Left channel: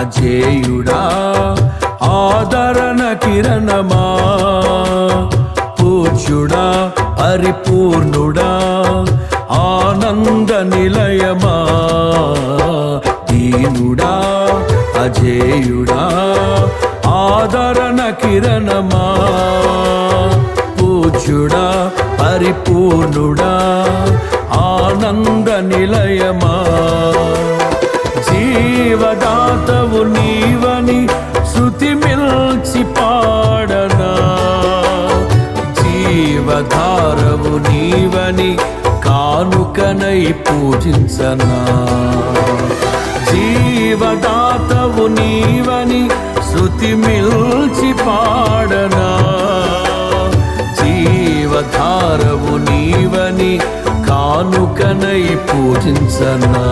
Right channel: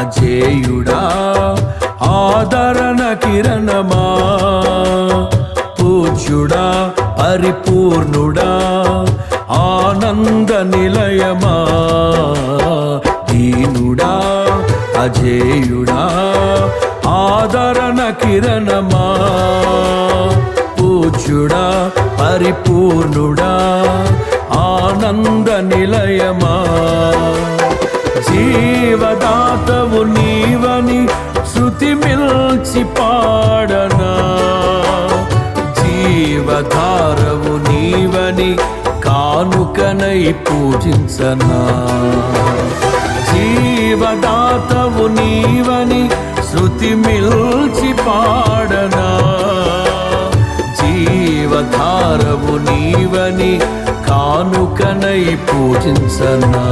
అజేయుడా ఆదరణ కిరణమా, పూజ్యుడా పరిపూర్ణుడా ఆనంద నిలయమా, దీనుడా అజేయుడా ఆదరణ కిరణమా, పూజ్యుడా పరిపూర్ణుడా ఆనంద నిలయమా, జీవదాతవు నీవని శృతి మిల్చి పాడనా, జీవధారవు నీవని కానుకనై పూజించనా, జీవదాతవు నీవని శృతి మిల్చి పాడనా, జీవధారవు నీవని కానుకనై పూజించనా,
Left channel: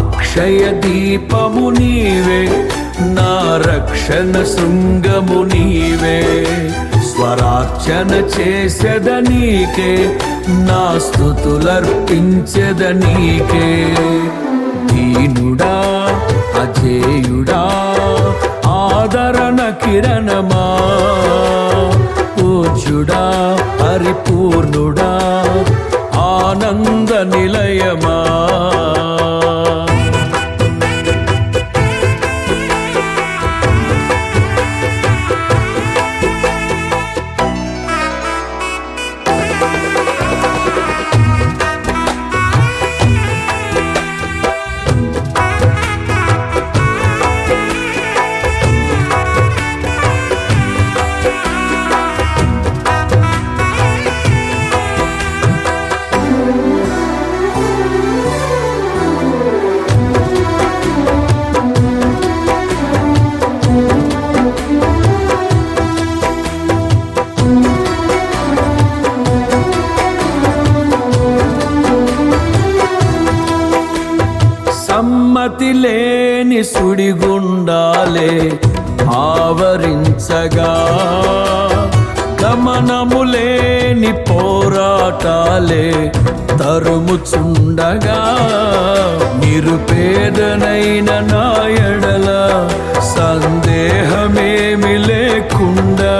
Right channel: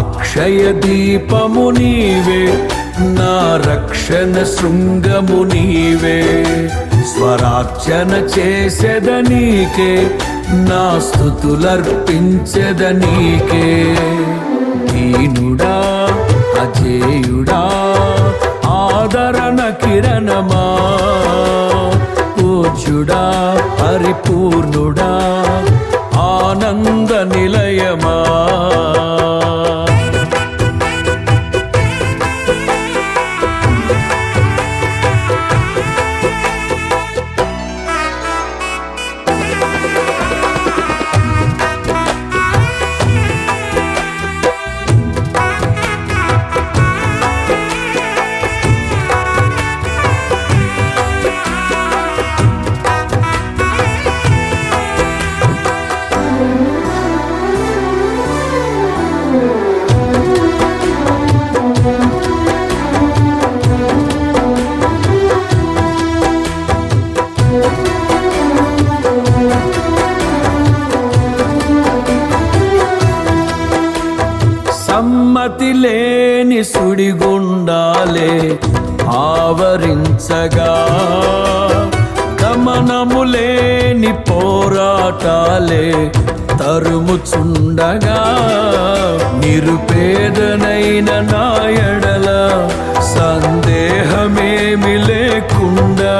అక్షయ దీపము నీవే నా రక్షణ శృంగము నీవే, స్వరార్చన చేసెదనీకే నా స్తుతులర్పించెదనీకే, దీనుడా అజేయుడా ఆదరణ కిరణమా, పూజ్యుడా పరిపూర్ణుడా ఆనంద నిలయమా. సమ్మతి లేని సుడిగుండాలే ఆవరించగా, గమనము లేని పోరాటాలే తరుముచుండగా, నిరుపేదనైన నా ఎడల సందేహమేమి లేకుండా,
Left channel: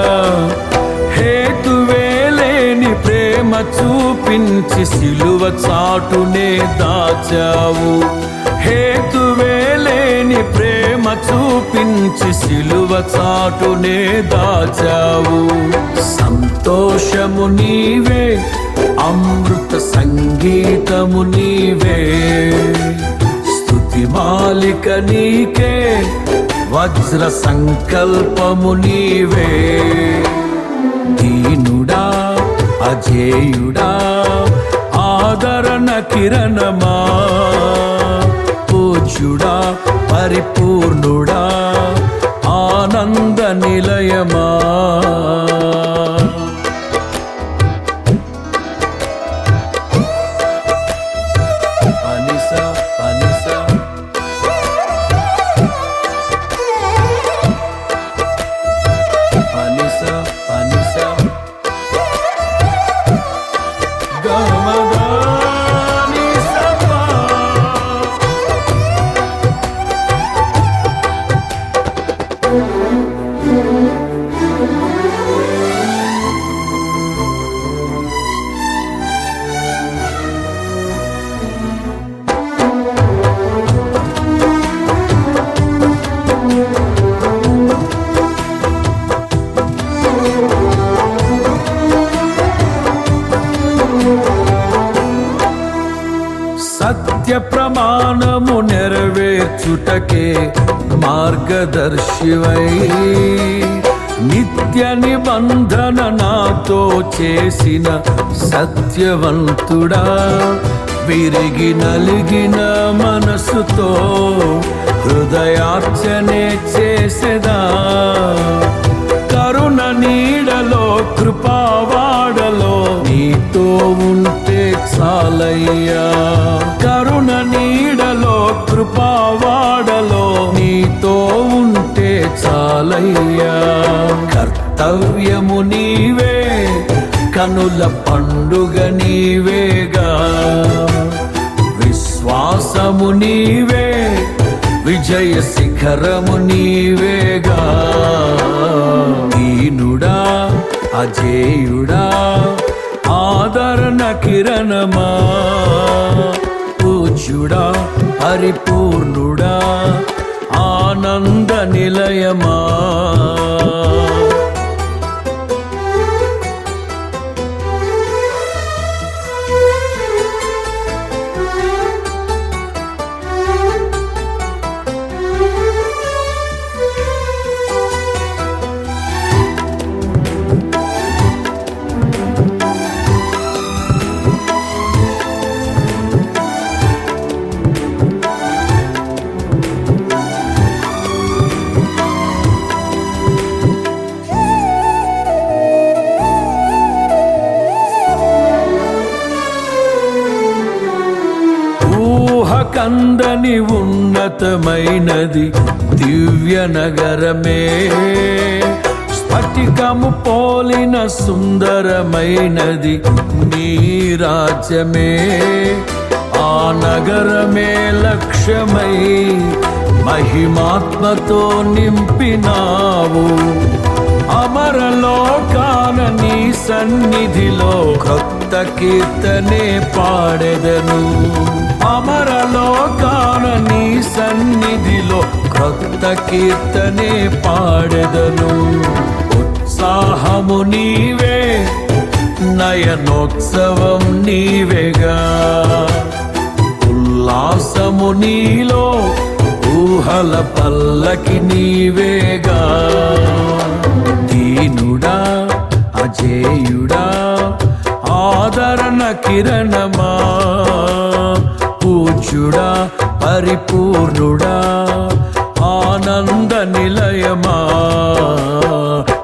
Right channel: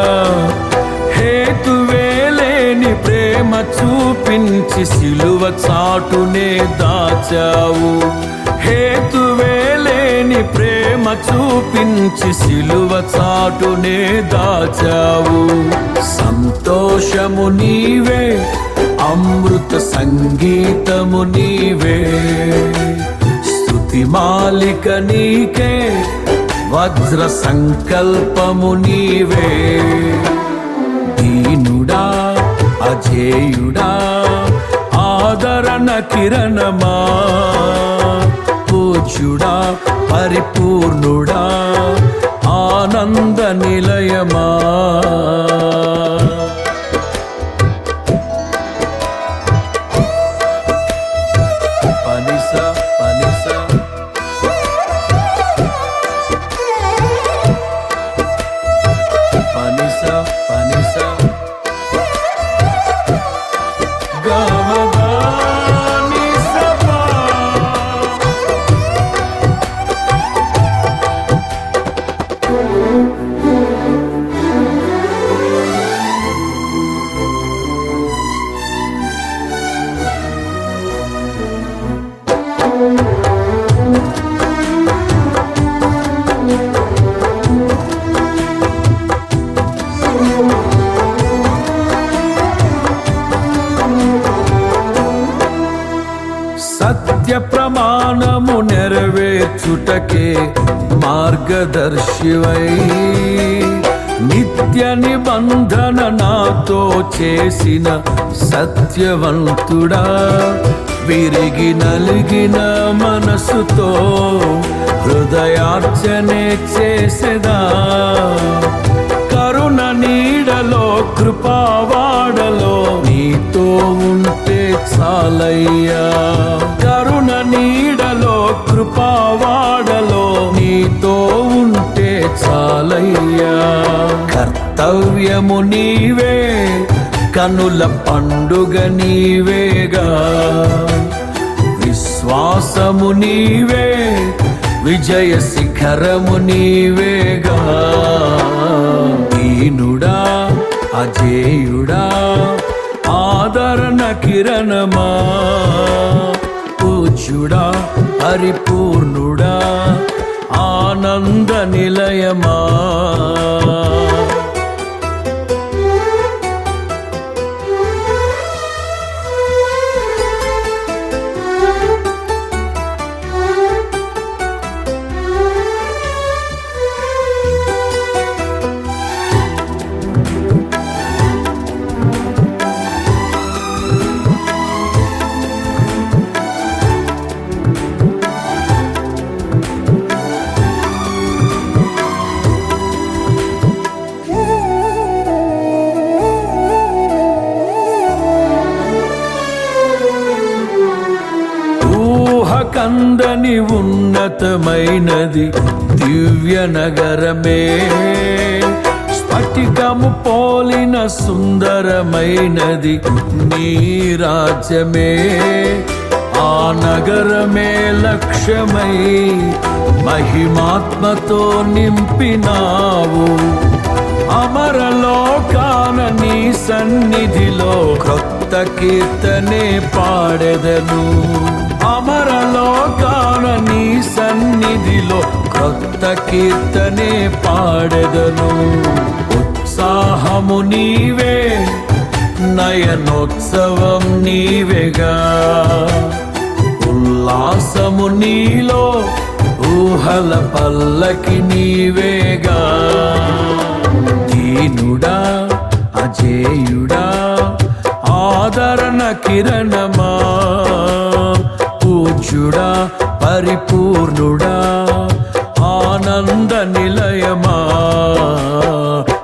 హేతువేలేని ప్రేమ చూపించి సిలువ చాటునే దాచావు, హేతువేలేని ప్రేమ చూపించి సిలువ చాటునే దాచావు, సంతోషము నీవే అమృత సంగీతము నీవే, స్తుతి మాలిక నీకే వజ్ర సంకల్పము నీవే, దీనుడా అజేయుడా ఆదరణ కిరణమా, పూజ్యుడా పరిపూర్ణుడా ఆనంద నిలయమా. పనిస పనిస పనిస పనిస గమగా సత్య ప్రమాణము నెరవేర్చుటకే మార్గదర్శివై, నిత్య నిబంధన నాతో చేసిన సత్యవంతుడా, విరిగి నలిగిన మనసుతో హృదయార్చనే చేసెదా, కరుణ నీడలో కృపావాడలో నీతో ఉంటే చాలయ్యా, కరుణ నీడలో కృపావాడలో నీతో ఉంటే చాలయ్యా, కర్తవ్యము నీవే కనుల పండుగ నీవేగా, విశ్వాసము నీవే విజయ శిఖరము నీవేగా. దీనుడా అజేయుడా ఆదరణ కిరణమా, పూజ్యుడా పరిపూర్ణుడా ఆనంద నిలయమా. కందని ఉన్నతమైనది దివ్య నగరమే, స్ఫటికము పోలిన సుందరమైనది నీ రాజ్యమే. ఆ నగరమే లక్ష్యమై మహిమాత్మతో నింపినావు. అమరలోకాన నీ సన్నిధిలో క్రొత్త కీర్తనే పాడెదను. అమరలోకాన నీ సన్నిధిలో క్రొత్త కీర్తనే పాడెదను. ఉత్సాహము నీవే నయనోత్సవం నీవేగా, ఉల్లాసము నీలో ఊహల పల్లకి నీవేగా. దీనుడా అజేయుడా ఆదరణ కిరణమా, పూజ్యుడా పరిపూర్ణుడా ఆనంద నిలయమా.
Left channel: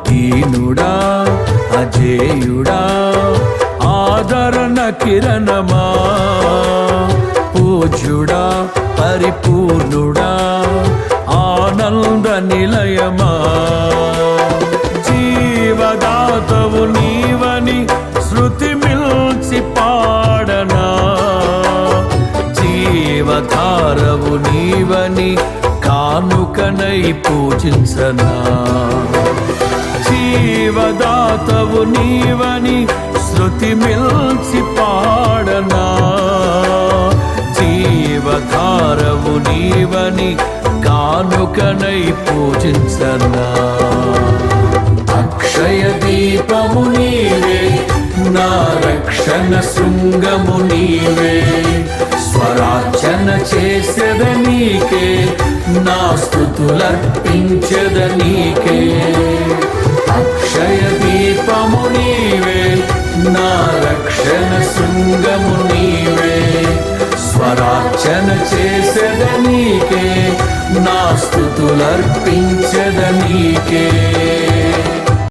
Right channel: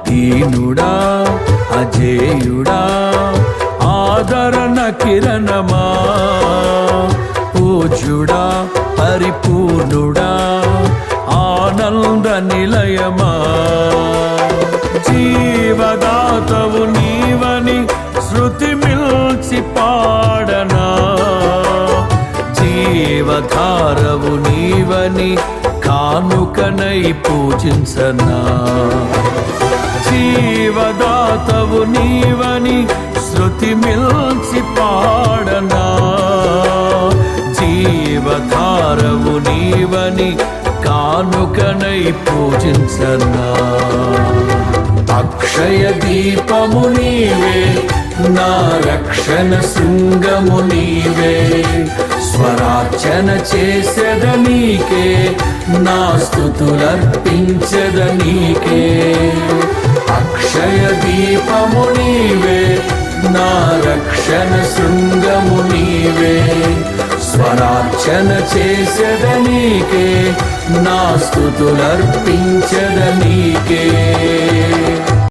దీనుడా అజేయుడా ఆదరణ కిరణమా, పూజ్యుడా పరిపూర్ణుడా ఆనంద నిలయమా. జీవదాతవు నీవని శృతి మిల్చి పాడనా, జీవధారవు నీవని కానుకనై పూజించనా. జీవదాతవు నీవని శృతి మిల్చి పాడనా, జీవధారవు నీవని కానుకనై పూజించనా. అక్షయ దీపము నీవే నా రక్షణ శృంగము నీవే, స్వరార్చన చేసెద నీకే నా స్తుతులర్పించెద నీకే. అక్షయ దీపము నీవే నా రక్షణ శృంగము నీవే, స్వరార్చన చేసెద నీకే నా స్తుతులర్పించెద నీకే.